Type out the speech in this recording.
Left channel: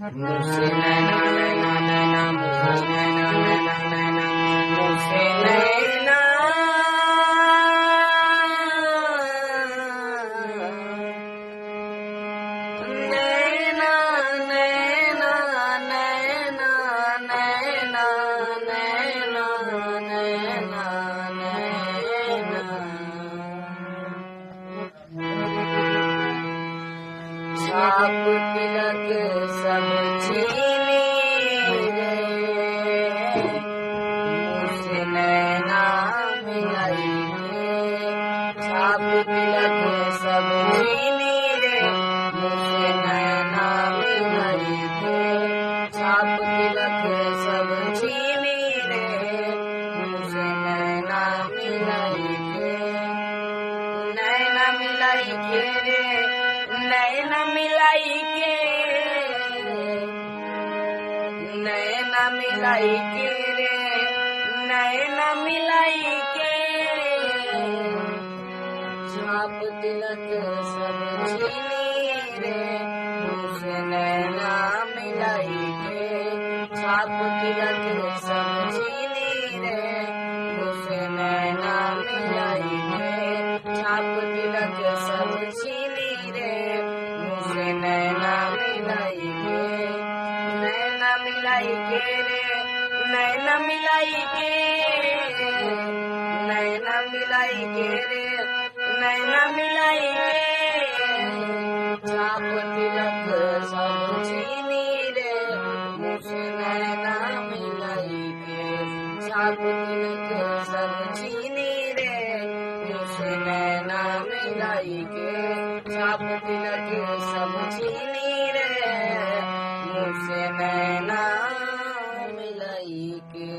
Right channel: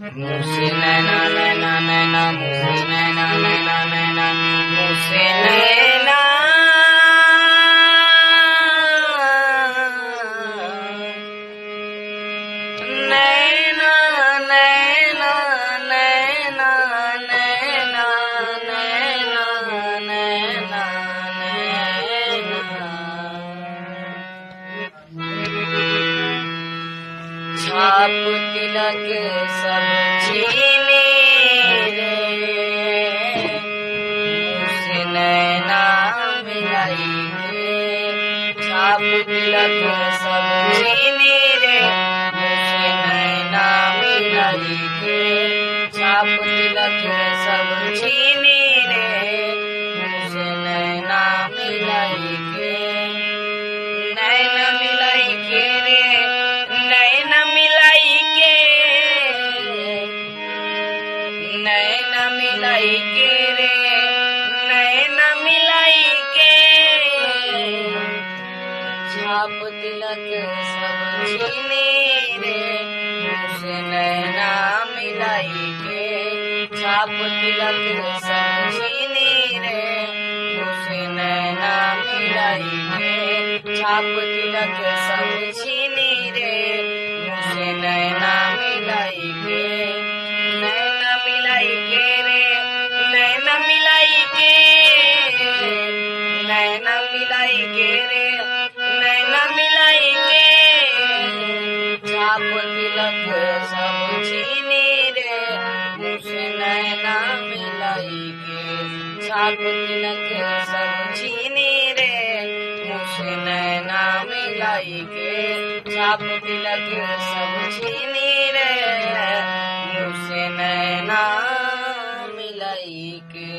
मुझसे नैना नैना नैना मुझसे नैना नैना नैना मुझसे नैना नैना नैना नैना नैना नैना नैना छाप तिलक सब छीने रे मुझसे नैना मिलाई के छाप तिलक सब छीने रे मुझसे नैना मिलाई के छाप तिलक सब छीने रे मुझसे नैना मिलाई के नैना मिलाई के रे नैना मिलाई के नैना मिलाई के रे नैना मिलाई के छाप तिलक सब छीने रे मुझसे नैना मिलाई के छाप तिलक सब छीने रे मुझसे नैना मिलाई के छाप तिलक सब छीने रे मुझसे नैना मिलाई के नैना मिलाई के रे नैना मिलाई के नैना मिलाई के रे नैना मिलाई के छाप तिलक सब छीने रे मुझसे नैना मिलाई के छाप तिलक सब छीने रे मुझसे नैना मिलाई के छाप तिलक सब छीने रे मुझसे नैना मिलाई के।